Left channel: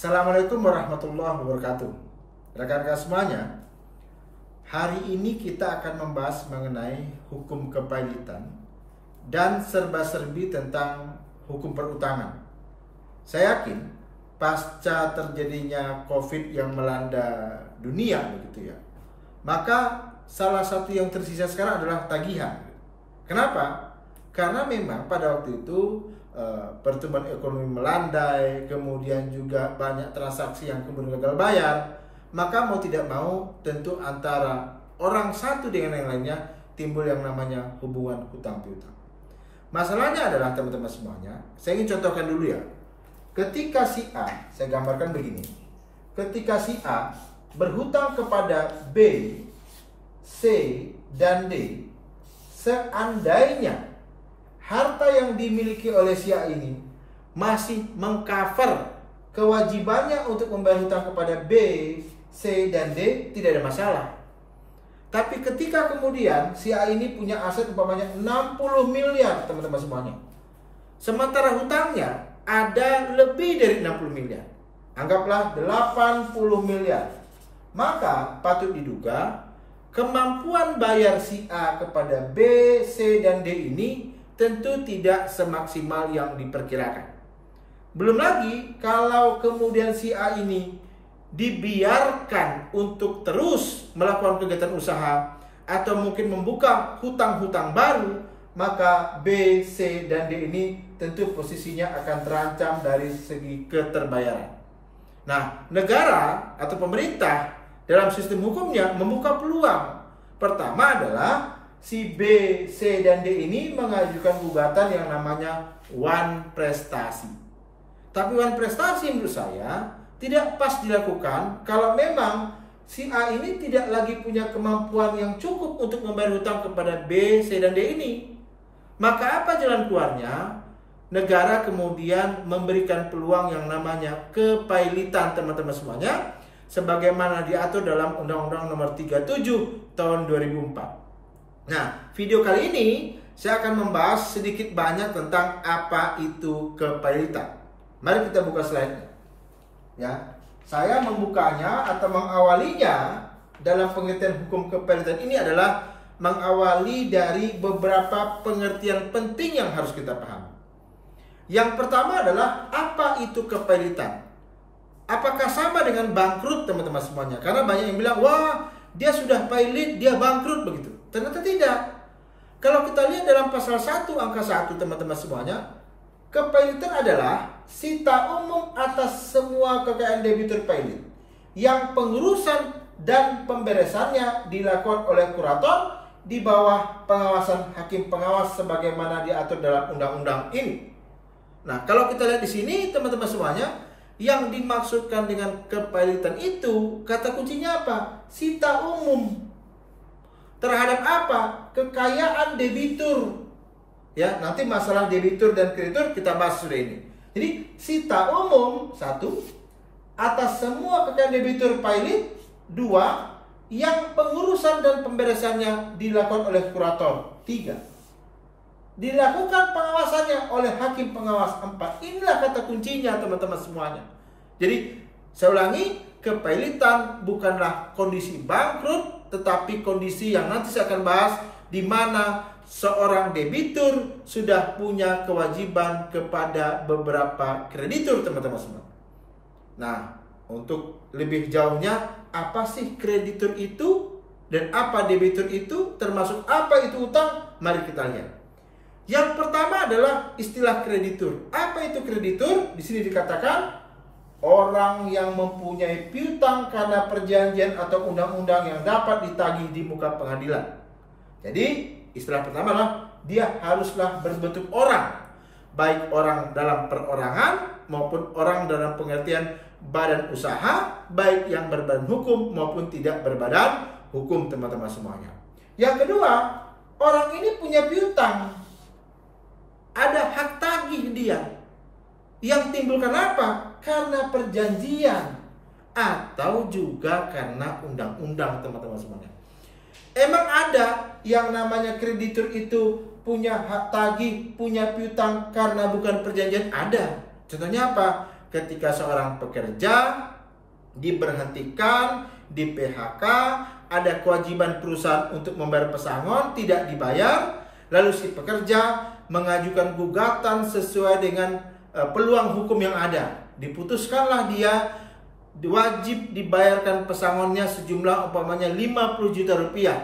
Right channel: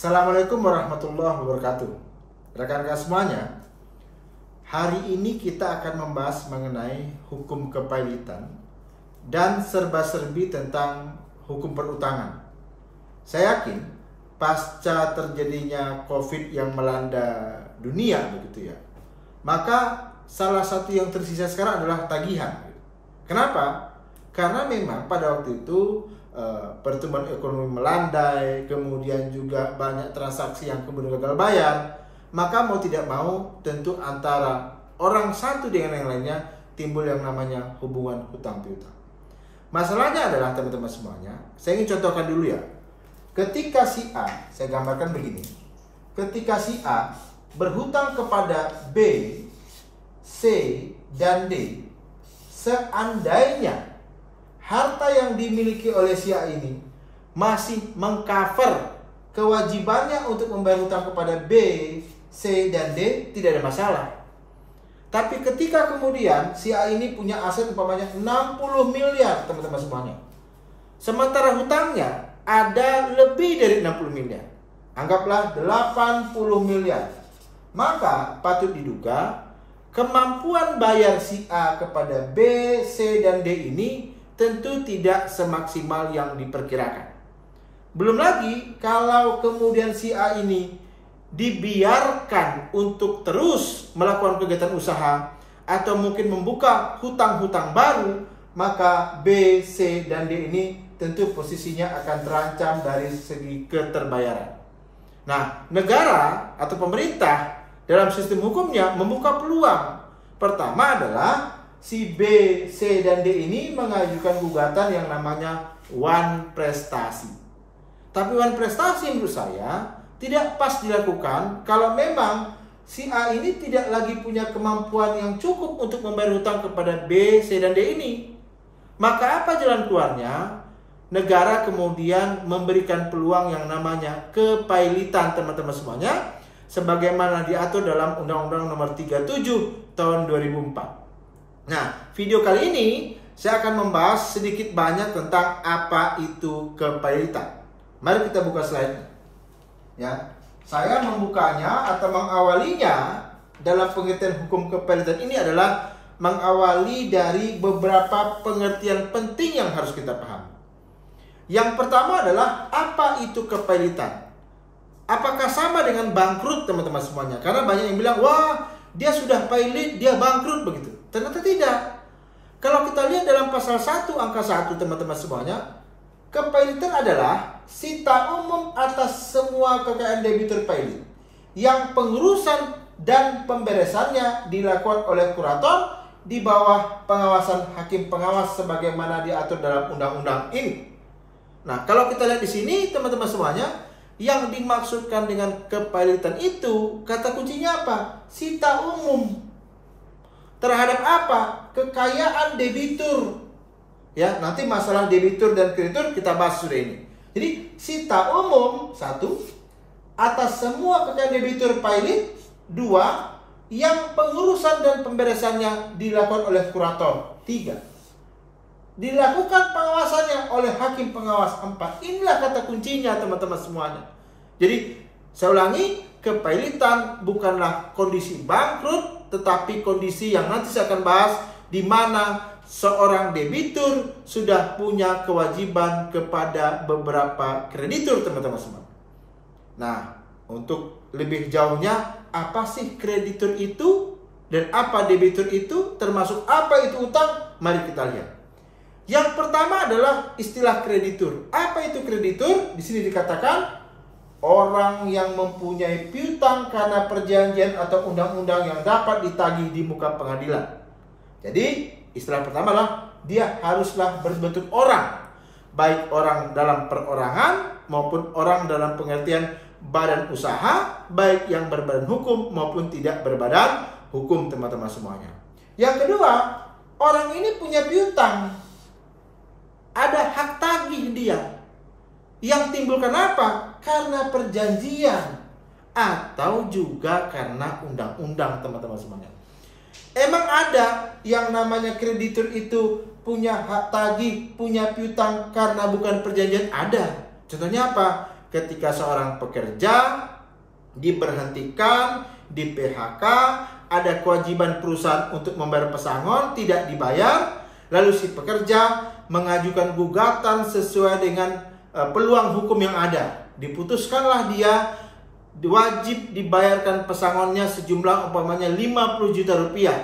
Assalamualaikum warahmatullahi wabarakatuh. Rekan-rekan semuanya, hari ini kita akan membahas mengenai hukum kepailitan dan serba-serbi tentang hukum perutangan. Saya yakin pasca terjadinya COVID yang melanda dunia begitu ya, maka salah satu yang tersisa sekarang adalah tagihan. Kenapa? Karena memang pada waktu itu pertumbuhan ekonomi melandai, kemudian juga banyak transaksi yang kemudian gagal bayar, maka mau tidak mau tentu antara orang satu dengan yang lainnya timbul yang namanya hubungan hutang piutang. Masalahnya adalah teman-teman semuanya, saya ingin contohkan dulu ya. Ketika si A, saya gambarkan begini. Ketika si A berhutang kepada B, C, dan D, seandainya harta yang dimiliki oleh si A ini masih mengcover kewajibannya untuk membayar hutang kepada B, C, dan D, tidak ada masalah. Tapi ketika kemudian si A ini punya aset umpamanya 60 miliar teman-teman semuanya, sementara hutangnya ada lebih dari 60 miliar, anggaplah 80 miliar, maka patut diduga kemampuan bayar si A kepada B, C, dan D ini tentu tidak semaksimal yang diperkirakan. Belum lagi kalau kemudian si A ini dibiarkan untuk terus melakukan kegiatan usaha atau mungkin membuka hutang-hutang baru, maka B, C, dan D ini tentu posisinya akan terancam dari segi keterbayaran. Nah, negara atau pemerintah dalam sistem hukumnya membuka peluang. Pertama adalah si B, C, dan D ini mengajukan gugatan yang namanya wan prestasi. Tapi wan prestasi menurut saya tidak pas dilakukan kalau memang si A ini tidak lagi punya kemampuan yang cukup untuk membayar hutang kepada B, C, dan D ini. Maka apa jalan keluarnya? Negara kemudian memberikan peluang yang namanya kepailitan teman-teman semuanya, sebagaimana diatur dalam Undang-Undang Nomor 37 Tahun 2004. Nah, video kali ini saya akan membahas sedikit banyak tentang apa itu kepailitan. Mari kita buka slide-nya. Ya, saya membukanya atau mengawalinya dalam pengertian hukum kepailitan ini adalah mengawali dari beberapa pengertian penting yang harus kita pahami. Yang pertama adalah apa itu kepailitan? Apakah sama dengan bangkrut teman-teman semuanya? Karena banyak yang bilang, wah dia sudah pailit, dia bangkrut begitu. Ternyata tidak. Kalau kita lihat dalam pasal 1 angka 1 teman-teman semuanya, kepailitan adalah sita umum atas semua kekayaan debitur pailit yang pengurusan dan pemberesannya dilakukan oleh kurator di bawah pengawasan hakim pengawas sebagaimana diatur dalam undang-undang ini. Nah, kalau kita lihat di sini teman-teman semuanya, yang dimaksudkan dengan kepailitan itu kata kuncinya apa? Sita umum terhadap apa? Kekayaan debitur. Ya, nanti masalah debitur dan kreditur kita bahas sudah ini. Jadi sita umum 1 atas semua kekayaan debitur pailit. 2 yang pengurusan dan pemberesannya dilakukan oleh kurator. 3 dilakukan pengawasannya oleh hakim pengawas. 4 inilah kata kuncinya teman-teman semuanya. Jadi saya ulangi, kepailitan bukanlah kondisi bangkrut, tetapi kondisi yang nanti saya akan bahas di mana seorang debitur sudah punya kewajiban kepada beberapa kreditur teman-teman semua. Nah, untuk lebih jauhnya, apa sih kreditur itu dan apa debitur itu, termasuk apa itu utang? Mari kita lihat. Yang pertama adalah istilah kreditur. Apa itu kreditur? Di sini dikatakan orang yang mempunyai piutang karena perjanjian atau undang-undang yang dapat ditagih di muka pengadilan. Jadi istilah pertama adalah dia haruslah berbentuk orang, baik orang dalam perorangan maupun orang dalam pengertian badan usaha, baik yang berbadan hukum maupun tidak berbadan hukum teman-teman semuanya. Yang kedua, orang ini punya piutang, ada hak tagih dia. Yang timbul kenapa? Karena perjanjian atau juga karena undang-undang teman-teman semuanya. Emang ada yang namanya kreditur itu punya hak tagih, punya piutang karena bukan perjanjian? Ada. Contohnya apa? ketika seorang pekerja diberhentikan, di PHK, ada kewajiban perusahaan untuk membayar pesangon, tidak dibayar, lalu si pekerja mengajukan gugatan sesuai dengan peluang hukum yang ada. Diputuskanlah dia wajib dibayarkan pesangonnya sejumlah umpamanya 50 juta rupiah.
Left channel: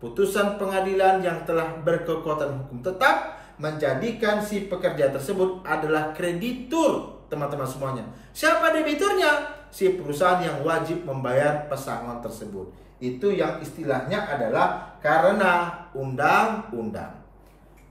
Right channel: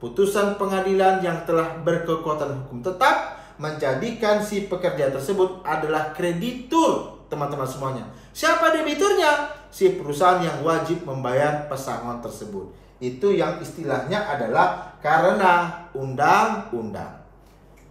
Putusan pengadilan yang telah berkekuatan hukum tetap menjadikan si pekerja tersebut adalah kreditur, teman-teman semuanya. Siapa debiturnya? Si perusahaan yang wajib membayar pesangon tersebut. Itu yang istilahnya adalah karena undang-undang.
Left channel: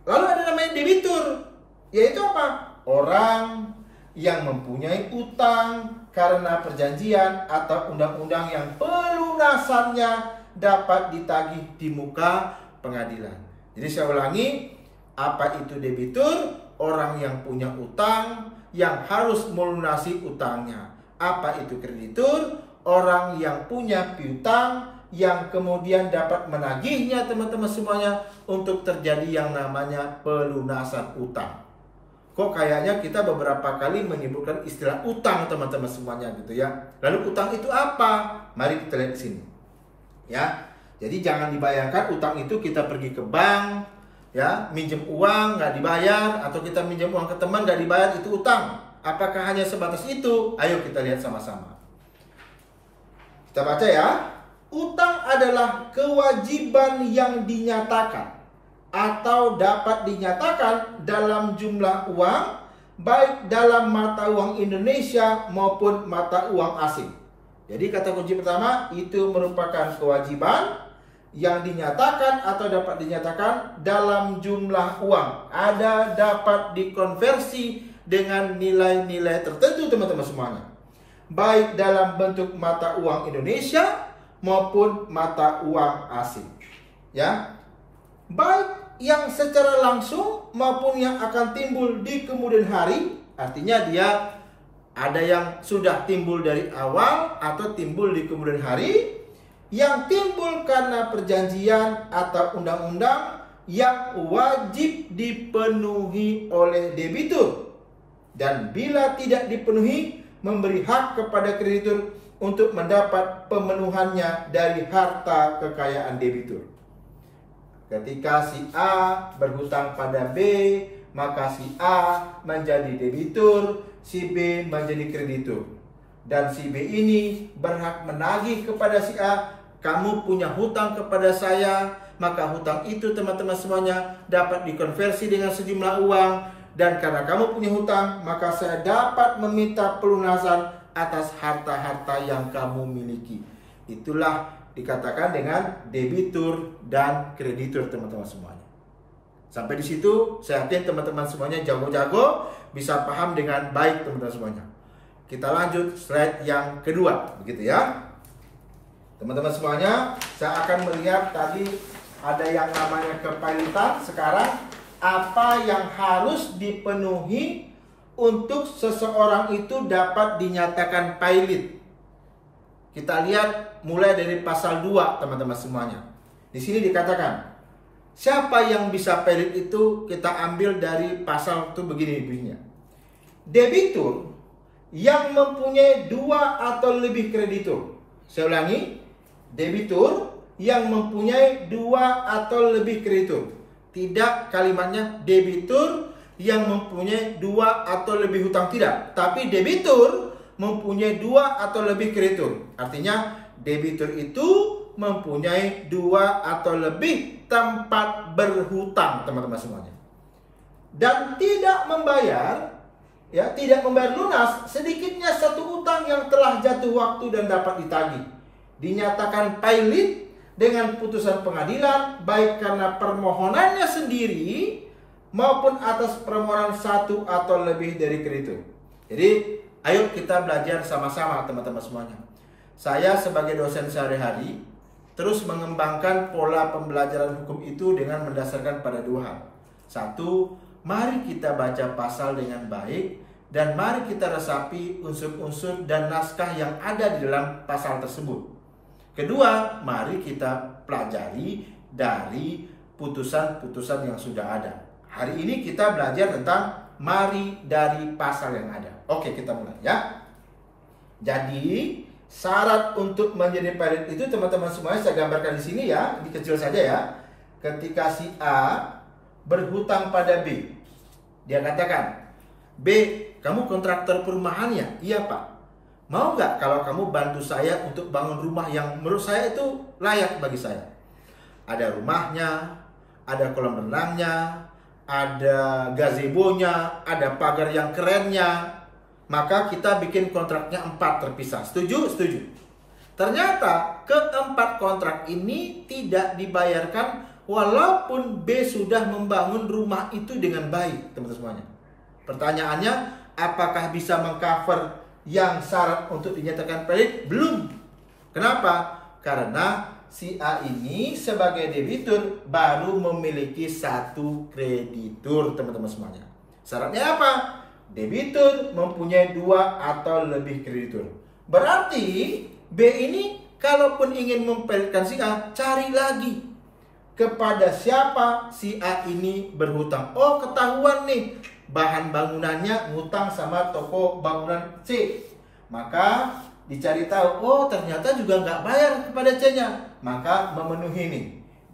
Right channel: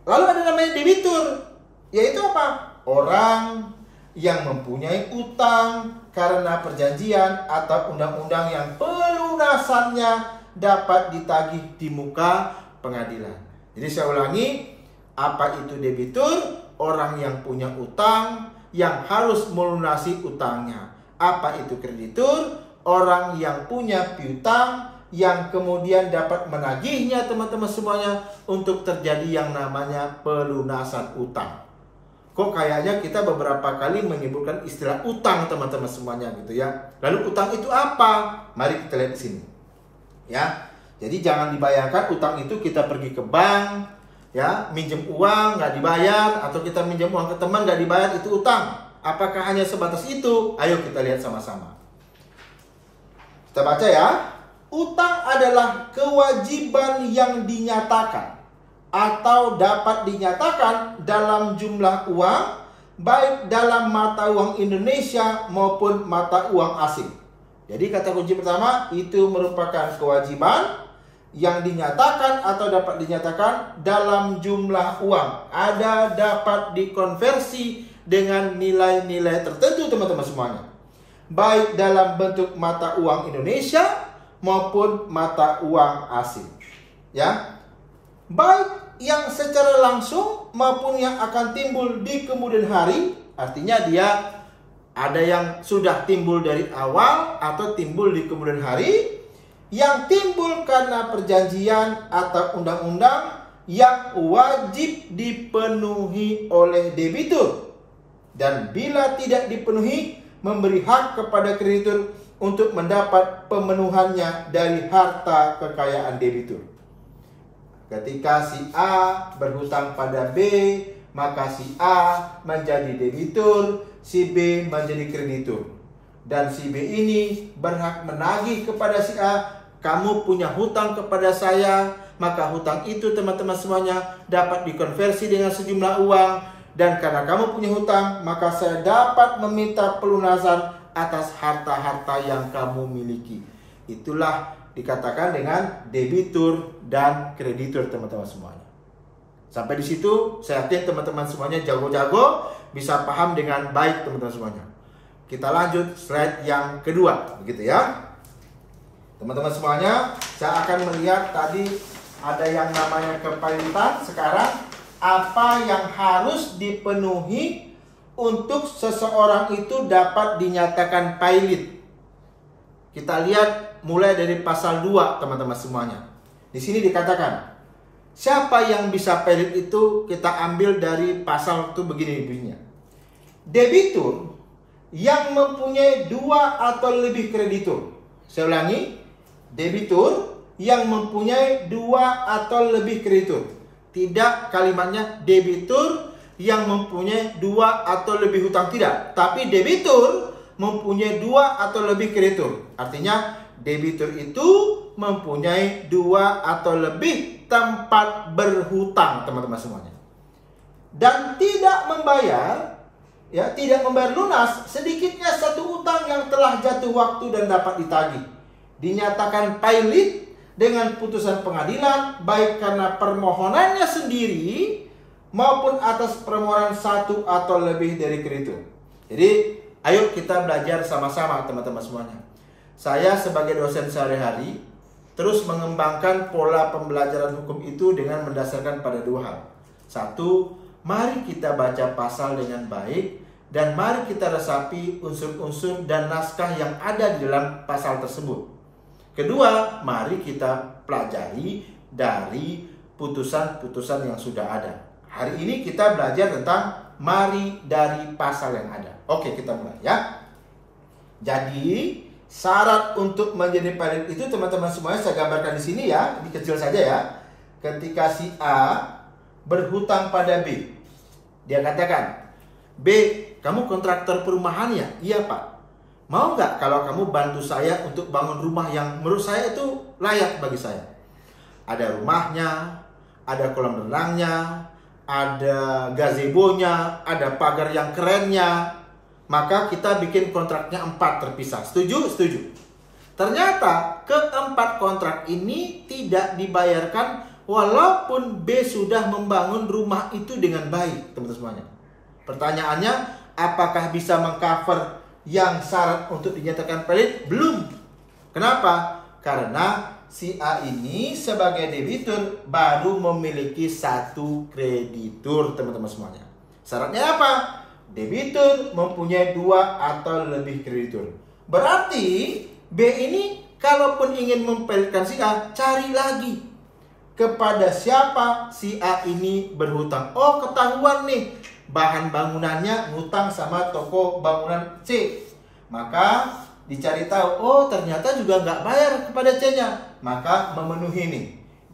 Lalu ada namanya debitur, yaitu apa? Orang yang mempunyai utang karena perjanjian atau undang-undang yang pelunasannya dapat ditagih di muka pengadilan. Jadi saya ulangi, apa itu debitur? Orang yang punya utang yang harus melunasi utangnya. Apa itu kreditur? Orang yang punya piutang yang kemudian dapat menagihnya, teman-teman semuanya, untuk terjadi yang namanya pelunasan utang. Kok kayaknya kita beberapa kali menyebutkan istilah utang, teman-teman semuanya gitu ya. Lalu utang itu apa? Mari kita lihat di sini. Ya. Jadi jangan dibayangkan utang itu kita pergi ke bank, ya, minjem uang nggak dibayar, atau kita minjem uang ke teman nggak dibayar, itu utang. Apakah hanya sebatas itu? Ayo kita lihat sama-sama. Kita baca ya. Utang adalah kewajiban yang dinyatakan atau dapat dinyatakan dalam jumlah uang, baik dalam mata uang Indonesia maupun mata uang asing. Jadi kata kunci pertama, itu merupakan kewajiban yang dinyatakan atau dapat dinyatakan dalam jumlah uang. Ada dapat dikonversi dengan nilai-nilai tertentu, teman-teman semuanya. Baik dalam bentuk mata uang Indonesia maupun mata uang asing. Ya. Baik yang secara langsung maupun yang akan timbul di kemudian hari. Artinya dia ada yang sudah timbul dari awal atau timbul di kemudian hari, yang timbul karena perjanjian atau undang-undang yang wajib dipenuhi oleh debitur, dan bila tidak dipenuhi memberi hak kepada kreditur untuk mendapat pemenuhannya dari harta kekayaan debitur. Ketika si A berhutang pada B, maka si A menjadi debitur, si B menjadi kreditur. Dan si B ini berhak menagih kepada si A, kamu punya hutang kepada saya, maka hutang itu, teman-teman semuanya, dapat dikonversi dengan sejumlah uang. Dan karena kamu punya hutang, maka saya dapat meminta pelunasan atas harta-harta yang kamu miliki. Itulah dikatakan dengan debitur dan kreditur, teman-teman semuanya. Sampai di situ saya yakin teman-teman semuanya jago-jago, bisa paham dengan baik, teman-teman semuanya. Kita lanjut slide yang kedua, begitu ya. Teman-teman semuanya, saya akan melihat tadi ada yang namanya kepailitan. Sekarang apa yang harus dipenuhi untuk seseorang itu dapat dinyatakan pailit. Kita lihat mulai dari pasal 2, teman-teman semuanya. Di sini dikatakan, siapa yang bisa pailit itu kita ambil dari pasal itu begini-begini. Debitur yang mempunyai 2 atau lebih kreditur. Saya ulangi, debitur yang mempunyai 2 atau lebih kreditur. Tidak kalimatnya debitur yang mempunyai 2 atau lebih hutang, tidak. Tapi debitur mempunyai 2 atau lebih kreditur. Artinya debitur itu mempunyai 2 atau lebih tempat berhutang, teman-teman semuanya. Dan tidak membayar, ya, tidak membayar lunas sedikitnya satu hutang yang telah jatuh waktu dan dapat ditagih. Dinyatakan pailit dengan putusan pengadilan, baik karena permohonannya sendiri maupun atas permohonan satu atau lebih dari kreditur. Jadi ayo kita belajar sama-sama, teman-teman semuanya. Saya sebagai dosen sehari-hari terus mengembangkan pola pembelajaran hukum itu dengan mendasarkan pada 2 hal. 1, mari kita baca pasal dengan baik, dan mari kita resapi unsur-unsur dan naskah yang ada di dalam pasal tersebut. Kedua, mari kita pelajari dari putusan-putusan yang sudah ada. Hari ini kita belajar tentang mari dari pasal yang ada. Oke, kita mulai ya. Jadi syarat untuk menjadi pilot itu teman-teman semuanya saya gambarkan di sini ya, di kecil saja ya. Ketika si A berhutang pada B, dia katakan, B, kamu kontraktor perumahan ya? Iya Pak. Mau nggak kalau kamu bantu saya untuk bangun rumah yang menurut saya itu layak bagi saya? Ada rumahnya, ada kolam renangnya, ada gazebo-nya, ada pagar yang kerennya. Maka kita bikin kontraknya 4 terpisah. Setuju? Setuju. Ternyata keempat kontrak ini tidak dibayarkan walaupun B sudah membangun rumah itu dengan baik, teman-teman semuanya. Pertanyaannya, apakah bisa mengcover yang syarat untuk dinyatakan pelit? Belum. Kenapa? Karena si A ini sebagai debitur baru memiliki 1 kreditur, teman-teman semuanya. Syaratnya apa? Debitur mempunyai 2 atau lebih kreditur. Berarti B ini kalaupun ingin mempelitkan si A, cari lagi kepada siapa si A ini berhutang. Oh, ketahuan nih, bahan bangunannya ngutang sama toko bangunan C. Maka dicari tahu, oh ternyata juga nggak bayar kepada C-nya. Maka memenuhi nih,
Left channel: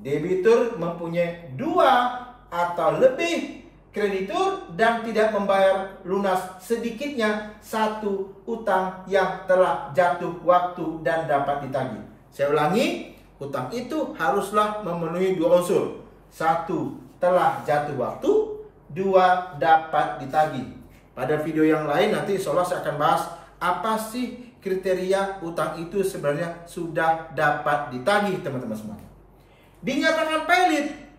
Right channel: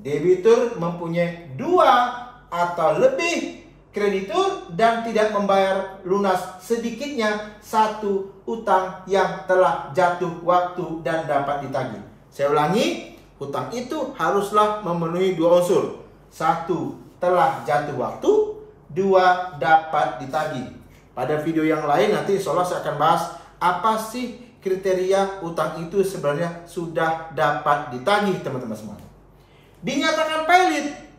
debitur mempunyai 2 atau lebih kreditur dan tidak membayar lunas sedikitnya 1 utang yang telah jatuh waktu dan dapat ditagih. Saya ulangi, hutang itu haruslah memenuhi 2 unsur. 1 telah jatuh waktu, 2 dapat ditagih. Pada video yang lain nanti insya Allah saya akan bahas apa sih kriteria utang itu sebenarnya sudah dapat ditagih, teman-teman semuanya. Dinyatakan pelit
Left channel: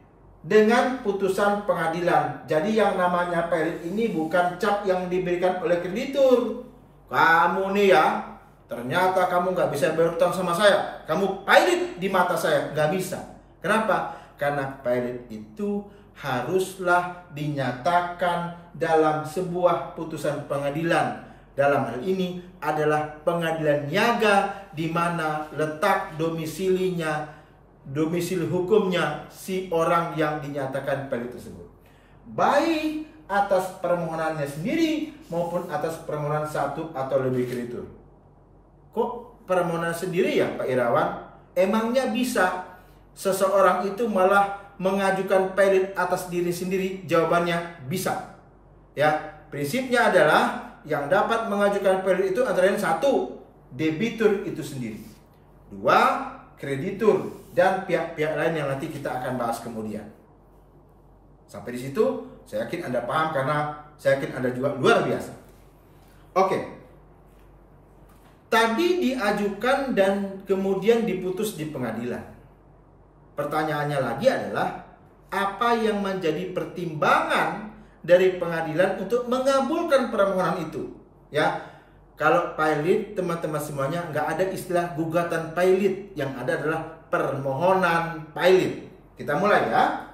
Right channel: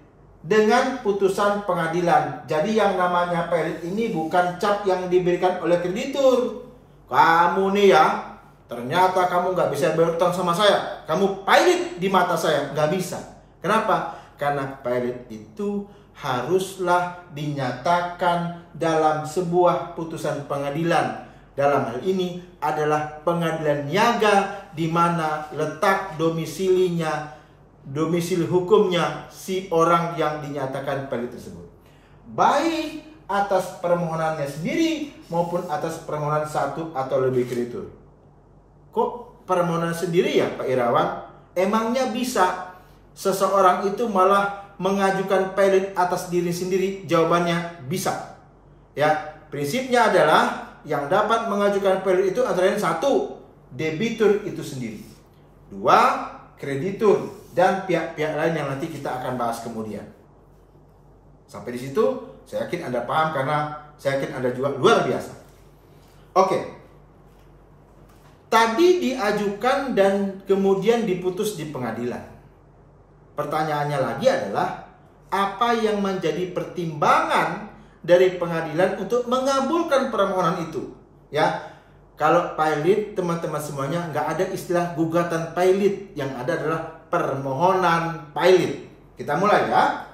dengan putusan pengadilan. Jadi yang namanya pelit ini bukan cap yang diberikan oleh kreditur. Kamu nih ya, ternyata kamu nggak bisa berutang sama saya, kamu pelit di mata saya. Nggak bisa. Kenapa? Karena pelit itu haruslah dinyatakan dalam sebuah putusan pengadilan. Dalam hal ini adalah pengadilan niaga di mana letak domisili hukumnya si orang yang dinyatakan pelit tersebut, baik atas permohonannya sendiri maupun atas permohonan 1 atau lebih kreditur. Kok permohonan sendiri ya Pak Irawan? Emangnya bisa seseorang itu malah mengajukan pelit atas diri sendiri? Jawabannya bisa. Ya, prinsipnya adalah yang dapat mengajukan pelit itu antara lain 1, debitur itu sendiri, 2, kreditur, dan pihak-pihak lain yang nanti kita akan bahas kemudian. Sampai di situ saya yakin Anda paham karena saya yakin Anda juga luar biasa. Oke. Tadi diajukan dan kemudian diputus di pengadilan. Pertanyaannya lagi adalah apa yang menjadi pertimbangan dari pengadilan untuk mengabulkan permohonan itu? Ya. Kalau pelit, teman-teman semuanya, nggak ada istilah gugatan pelit. Yang ada adalah permohonan pelit. Kita mulai ya.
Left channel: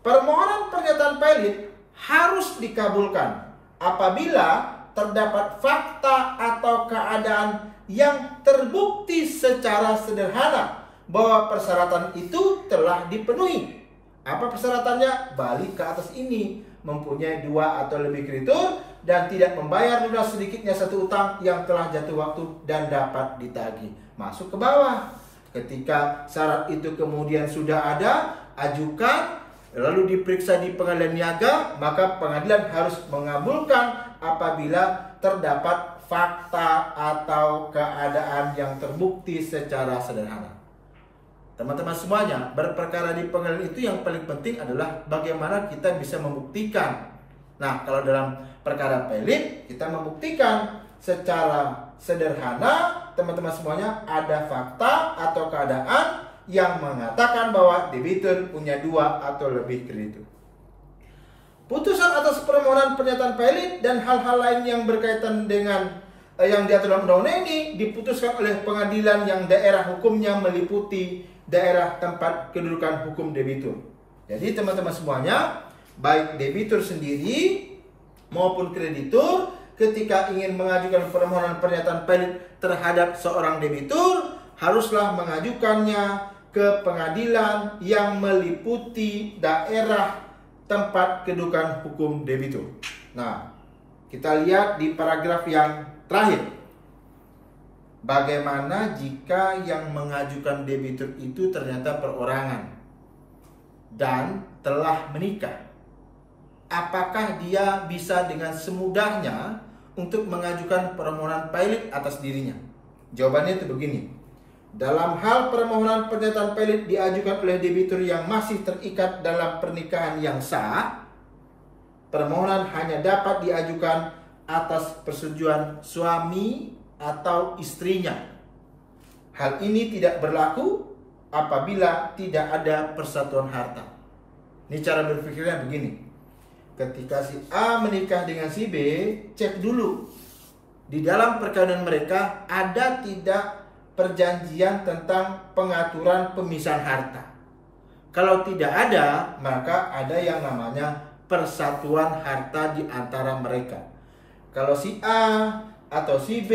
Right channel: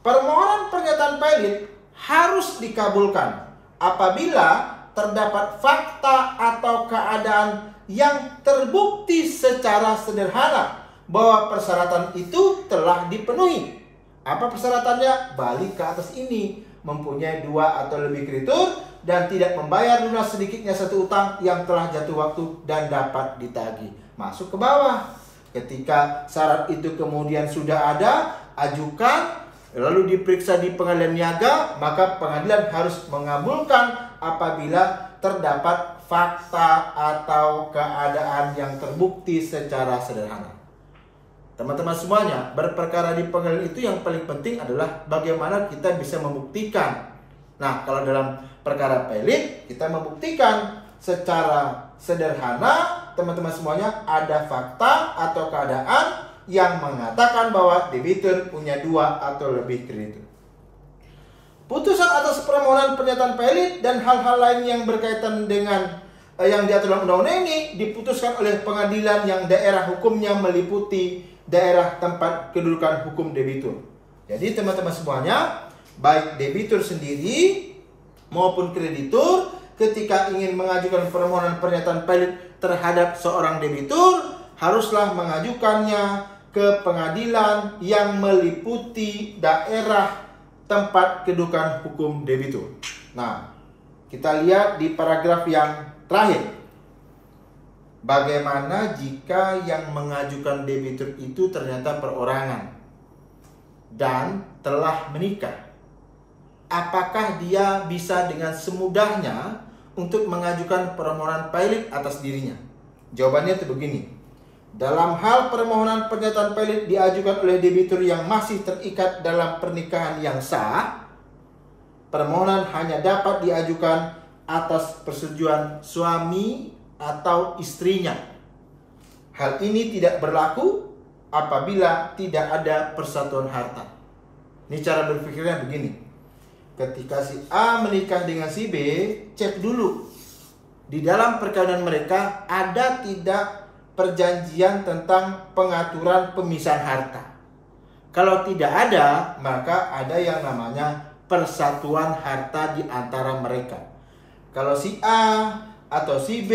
Permohonan pernyataan pelit harus dikabulkan apabila terdapat fakta atau keadaan yang terbukti secara sederhana bahwa persyaratan itu telah dipenuhi. Apa persyaratannya? Balik ke atas ini, mempunyai 2 atau lebih kreditur dan tidak membayar lunas sedikitnya 1 utang yang telah jatuh waktu dan dapat ditagih. Masuk ke bawah. Ketika syarat itu kemudian sudah ada, ajukan, lalu diperiksa di pengadilan niaga, maka pengadilan harus mengabulkan apabila terdapat fakta atau keadaan yang terbukti secara sederhana. Teman-teman semuanya, berperkara di pengadilan itu yang paling penting adalah bagaimana kita bisa membuktikan. Nah, kalau dalam perkara pelit, kita membuktikan secara sederhana, teman-teman semuanya, ada fakta atau keadaan yang mengatakan bahwa debitur punya 2 atau lebih kreditur. Putusan atas permohonan pernyataan pelit dan hal-hal lain yang berkaitan dengan yang diatur dalam undang-undang ini diputuskan oleh pengadilan yang daerah hukumnya meliputi daerah tempat kedudukan hukum debitur. Jadi teman-teman semuanya, baik debitur sendiri maupun kreditur ketika ingin mengajukan permohonan pernyataan pelit terhadap seorang debitur, haruslah mengajukannya ke pengadilan yang meliputi daerah tempat kedudukan hukum debitur. Nah, Kita lihat di paragraf yang terakhir. Bagaimana jika yang mengajukan debitur itu ternyata perorangan dan telah menikah? Apakah dia bisa dengan semudahnya untuk mengajukan permohonan pilot atas dirinya? Jawabannya itu begini. Dalam hal permohonan pernyataan pilot diajukan oleh debitur yang masih terikat dalam pernikahan yang sah, permohonan hanya dapat diajukan atas persetujuan suami atau istrinya. Hal ini tidak berlaku apabila tidak ada persatuan harta. Ini cara berpikirnya begini. Ketika si A menikah dengan si B, cek dulu di dalam perkawinan mereka ada tidak perjanjian tentang pengaturan pemisahan harta. Kalau tidak ada, maka ada yang namanya persatuan harta di antara mereka. Kalau si A atau si B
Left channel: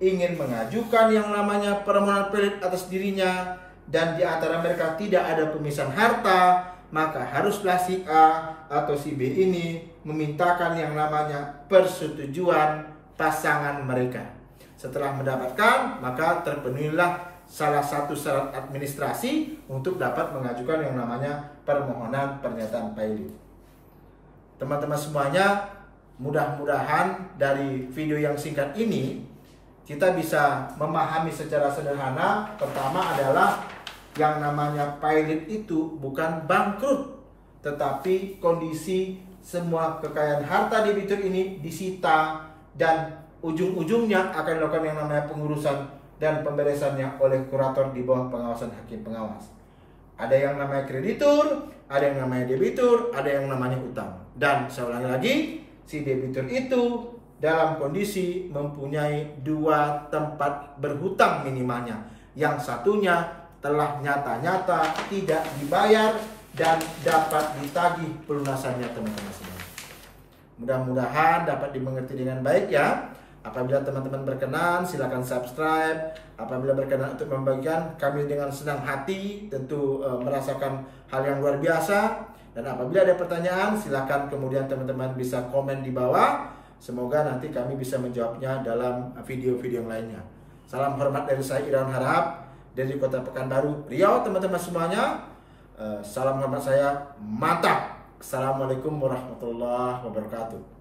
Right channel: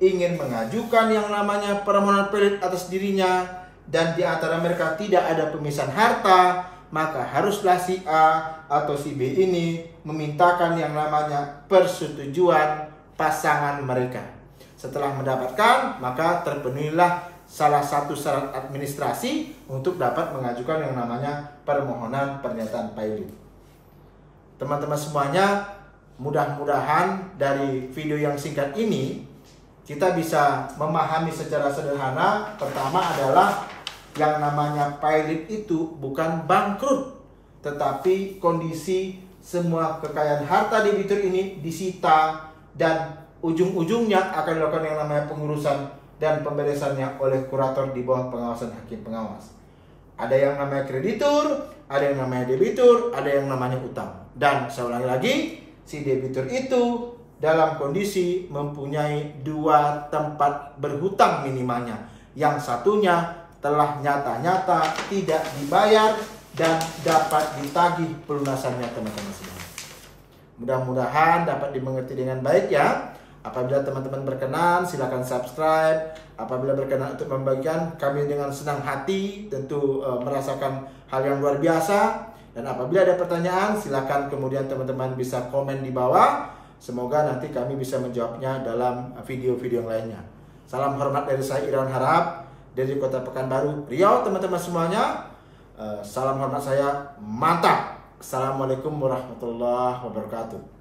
ingin mengajukan yang namanya permohonan pilot atas dirinya dan di antara mereka tidak ada pemisahan harta, maka haruslah si A atau si B ini memintakan yang namanya persetujuan pasangan mereka. Setelah mendapatkan, maka terpenuhilah salah satu syarat administrasi untuk dapat mengajukan yang namanya permohonan pernyataan pilot. Teman-teman semuanya, mudah-mudahan dari video yang singkat ini kita bisa memahami secara sederhana. Pertama adalah yang namanya pilot itu bukan bangkrut, tetapi kondisi semua kekayaan harta debitur ini disita dan ujung-ujungnya akan dilakukan yang namanya pengurusan dan pemberesannya oleh kurator di bawah pengawasan hakim pengawas. Ada yang namanya kreditur, ada yang namanya debitur, ada yang namanya utang. Dan saya ulangi lagi, si debitur itu dalam kondisi mempunyai dua tempat berhutang minimalnya. Yang satunya telah nyata-nyata tidak dibayar dan dapat ditagih pelunasannya, teman-teman semua. Mudah-mudahan dapat dimengerti dengan baik ya. Apabila teman-teman berkenan, silakan subscribe. Apabila berkenan untuk membagikan, kami dengan senang hati tentu merasakan hal yang luar biasa. Dan apabila ada pertanyaan, silakan kemudian teman-teman bisa komen di bawah. Semoga nanti kami bisa menjawabnya dalam video-video yang lainnya. Salam hormat dari saya, Irawan Harahap, dari Kota Pekanbaru, Riau, teman-teman semuanya. Salam hormat saya, mantap. Assalamualaikum warahmatullahi wabarakatuh.